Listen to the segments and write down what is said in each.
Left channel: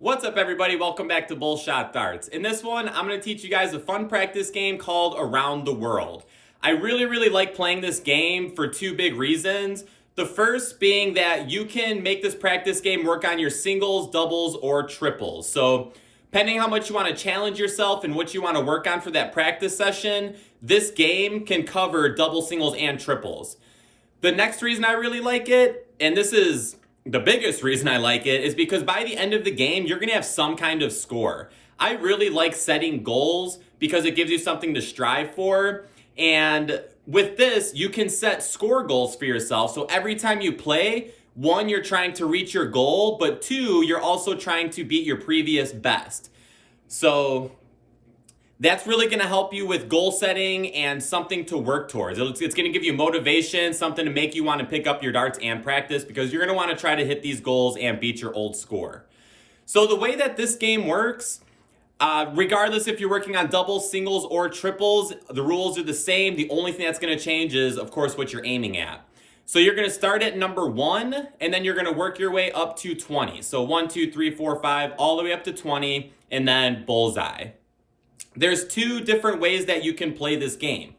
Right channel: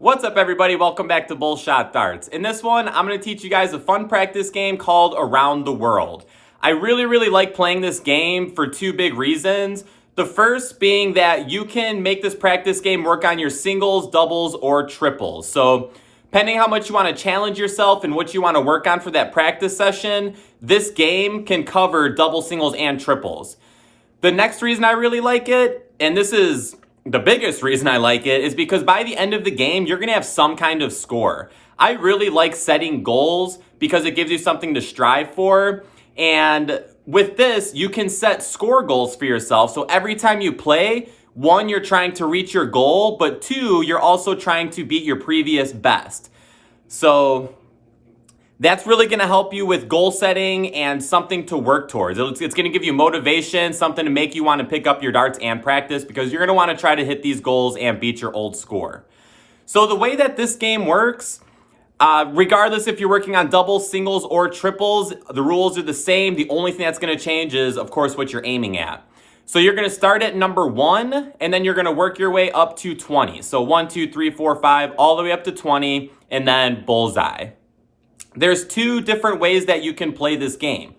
What's up, everybody? Welcome back to Bullshot Darts. In this one, I'm going to teach you guys a fun practice game called Around the World. I really like playing this game for two big reasons. The first being that you can make this practice game work on your singles, doubles, or triples. So depending how much you want to challenge yourself and what you want to work on for that practice session, this game can cover double, singles, and triples. The next reason I really like it, and this is the biggest reason I like it, is because by the end of the game, you're going to have some kind of score. I really like setting goals because it gives you something to strive for. And with this, you can set score goals for yourself. So every time you play, one, you're trying to reach your goal, but two, you're also trying to beat your previous best. So that's really going to help you with goal setting and something to work towards. It's going to give you motivation, something to make you want to pick up your darts and practice because you're going to want to try to hit these goals and beat your old score. So the way that this game works, regardless if you're working on doubles, singles, or triples, the rules are the same. The only thing that's going to change is, of course, what you're aiming at. So you're going to start at number 1, and then you're going to work your way up to 20. So 1, 2, 3, 4, 5, all the way up to 20, and then bullseye. There's two different ways that you can play this game.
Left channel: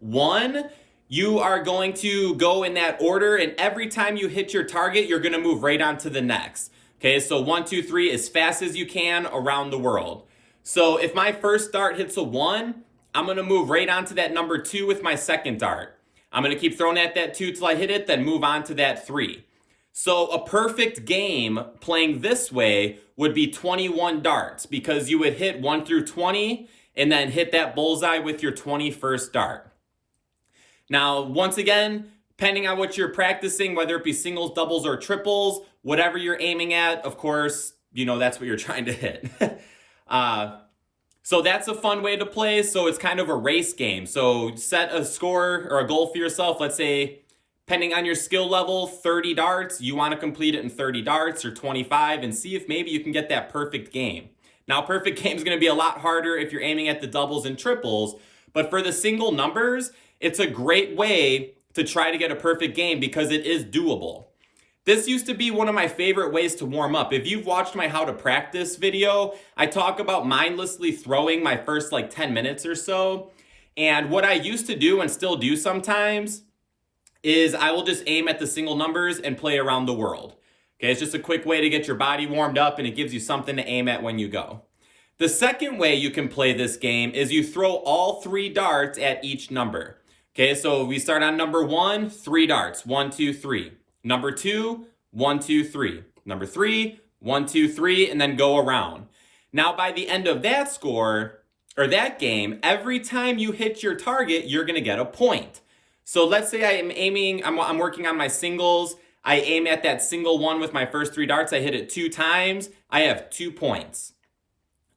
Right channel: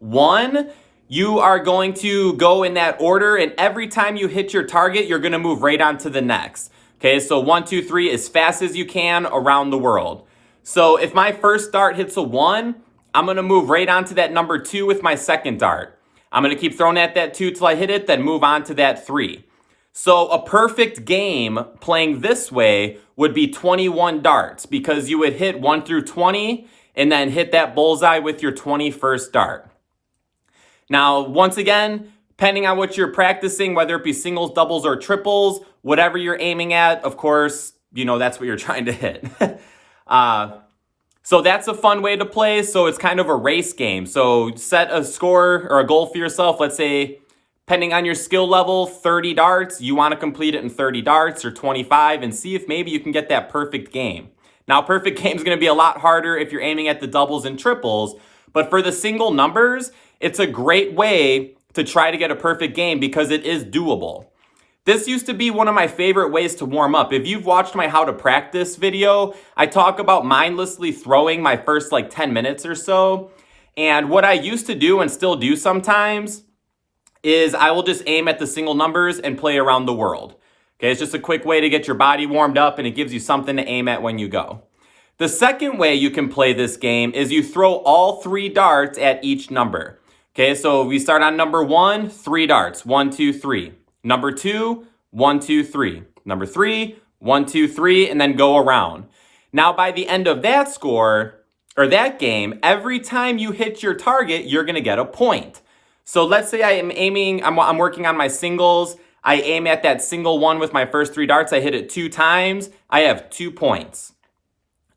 One, you are going to go in that order, and every time you hit your target, you're going to move right on to the next. Okay, so 1, 2, 3, as fast as you can around the world. So if my first dart hits a 1, I'm going to move right on to that number 2 with my second dart. I'm going to keep throwing at that 2 till I hit it, then move on to that 3. So a perfect game playing this way would be 21 darts because you would hit 1 through 20 and then hit that bullseye with your 21st dart. Now, once again, depending on what you're practicing, whether it be singles, doubles, or triples, whatever you're aiming at, of course, you know, that's what you're trying to hit. So that's a fun way to play. So it's kind of a race game. So set a score or a goal for yourself. Let's say, depending on your skill level, 30 darts. You want to complete it in 30 darts or 25 and see if maybe you can get that perfect game. Now, perfect game is going to be a lot harder if you're aiming at the doubles and triples. But for the single numbers, it's a great way to try to get a perfect game because it is doable. This used to be one of my favorite ways to warm up. If you've watched my how to practice video, I talk about mindlessly throwing my first 10 minutes or so. And what I used to do and still do sometimes is I will just aim at the single numbers and play around the world. Okay, it's just a quick way to get your body warmed up and it gives you something to aim at when you go. The second way you can play this game is you throw all 3 darts at each number. Okay, so we start on number 1, 3 darts, 1, 2, 3. Number 2, 1, 2, 3. Number 3, 1, 2, 3, and then go around. Now by the end of that score, or that game, every time you hit your target, you're gonna get a point. So let's say I'm working on my singles. I aim at that single one with my first 3 darts. I hit it 2 times. I have 2 points.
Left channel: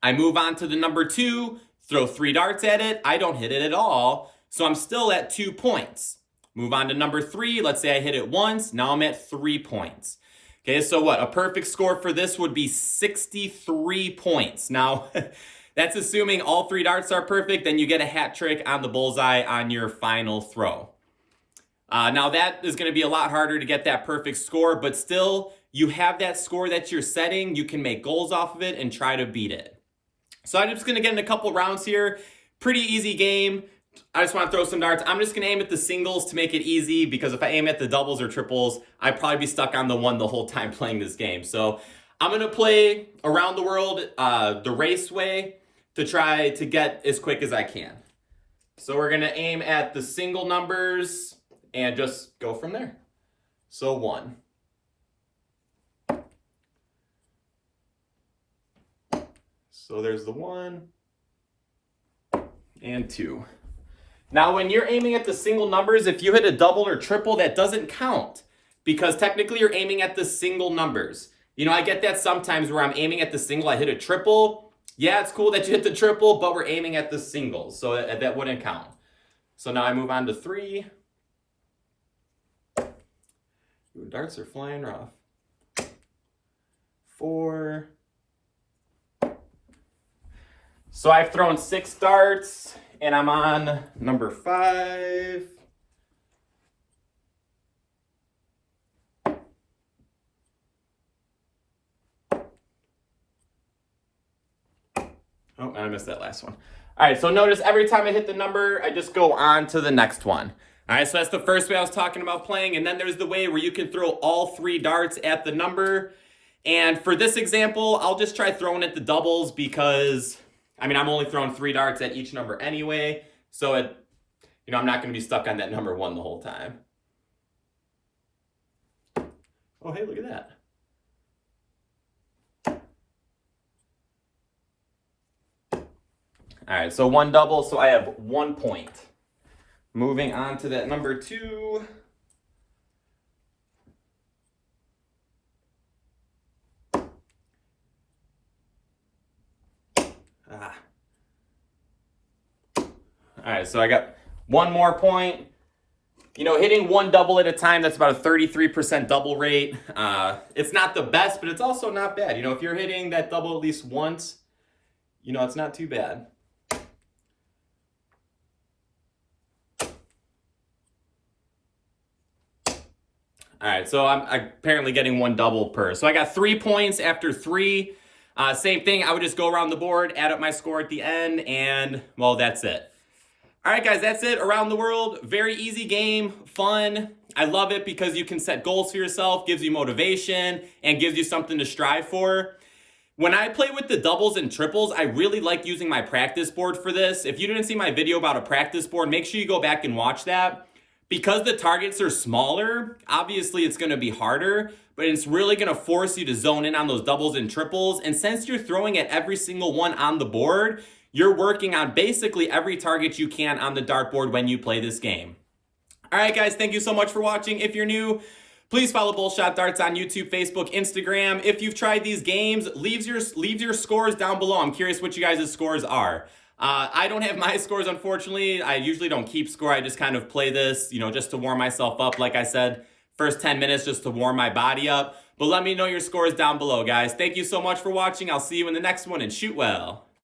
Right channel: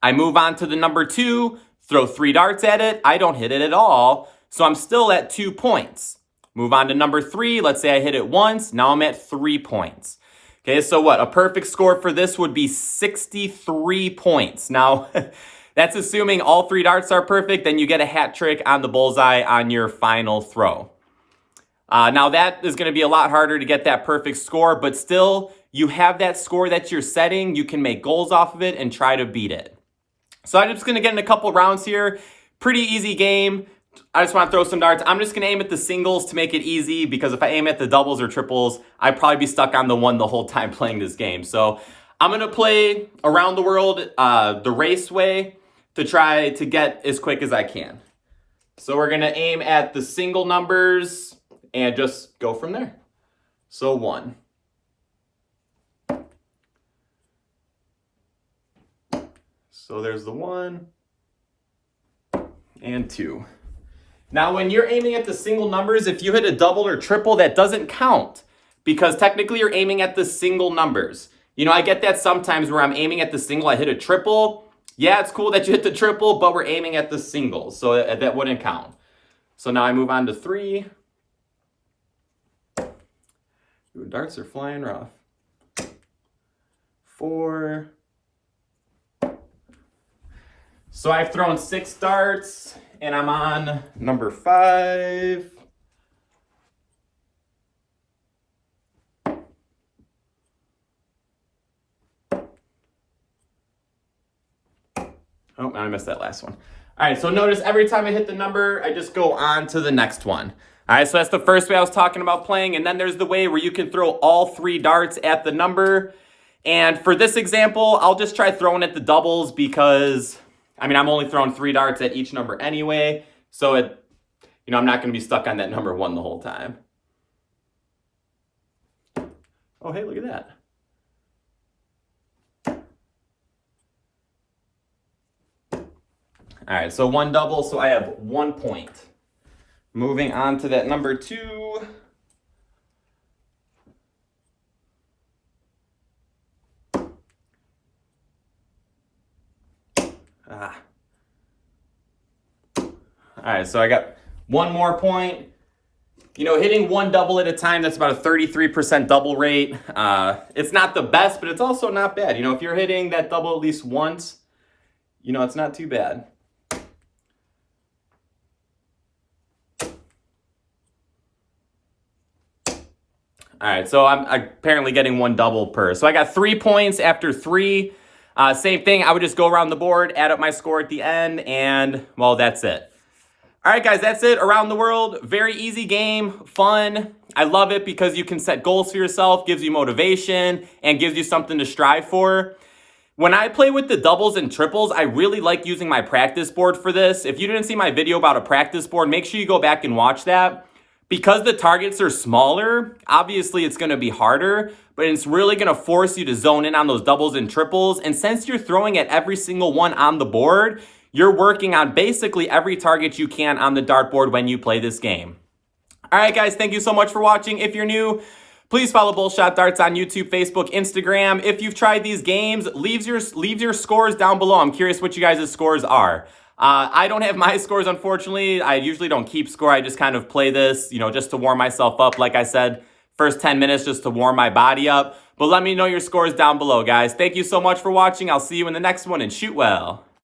I move on to the number 2, throw 3 darts at it. I don't hit it at all. So I'm still at 2 points. Move on to number 3. Let's say I hit it once. Now I'm at 3 points. Okay, so what? A perfect score for this would be 63 points. Now, that's assuming all 3 darts are perfect. Then you get a hat trick on the bullseye on your final throw. Now that is going to be a lot harder to get that perfect score, but still you have that score that you're setting. You can make goals off of it and try to beat it. So I'm just going to get in a couple rounds here. Pretty easy game. I just want to throw some darts. I'm just going to aim at the singles to make it easy because if I aim at the doubles or triples, I'd probably be stuck on the 1 the whole time playing this game. So I'm going to play around the world the race way to try to get as quick as I can. So we're going to aim at the single numbers and just go from there. So 1. So there's the 1 and 2. Now when you're aiming at the single numbers, if you hit a double or triple, that doesn't count because technically you're aiming at the single numbers. You know, I get that sometimes where I'm aiming at the single, I hit a triple. Yeah, it's cool that you hit the triple, but we're aiming at the singles, so that wouldn't count. So now I move on to 3. Ooh, darts are flying rough. 4. So I've thrown 6 darts and I'm on number 5. Oh, I missed that last one. All right, so notice every time I hit the number, I just go on to the next one. All right, so that's the first way I was talking about playing, and then there's the way where you can throw all 3 darts at the number. And for this example, I'll just try throwing at the doubles because, I mean, I'm only throwing 3 darts at each number anyway, so I'm not going to be stuck on that number 1 the whole time. Oh, hey, look at that. All right, so 1 double, so I have 1 point. Moving on to that number 2. All right, so I got 1 more point. Hitting 1 double at a time, that's about a 33% double rate. It's not the best, but it's also not bad. If you're hitting that double at least once, it's not too bad. All right, so I'm apparently getting 1 double per. So I got 3 points after 3. Same thing, I would just go around the board, add up my score at the end, and, well, that's it. All right, guys, that's it. Around the World, very easy game, fun. I love it because you can set goals for yourself, gives you motivation, and gives you something to strive for. When I play with the doubles and triples, I really like using my practice board for this. If you didn't see my video about a practice board, make sure you go back and watch that. Because the targets are smaller, obviously it's going to be harder, but it's really going to force you to zone in on those doubles and triples. And since you're throwing at every single one on the board, you're working on basically every target you can on the dartboard when you play this game. All right, guys, thank you so much for watching. If you're new, please follow Bullshot Darts on YouTube, Facebook, Instagram. If you've tried these games, leave your scores down below. I'm curious what you guys' scores are. I don't have my scores, unfortunately. I usually don't keep score. I just kind of play this, just to warm myself up. Like I said, first 10 minutes just to warm my body up. But let me know your scores down below, guys. Thank you so much for watching. I'll see you in the next one, and shoot well.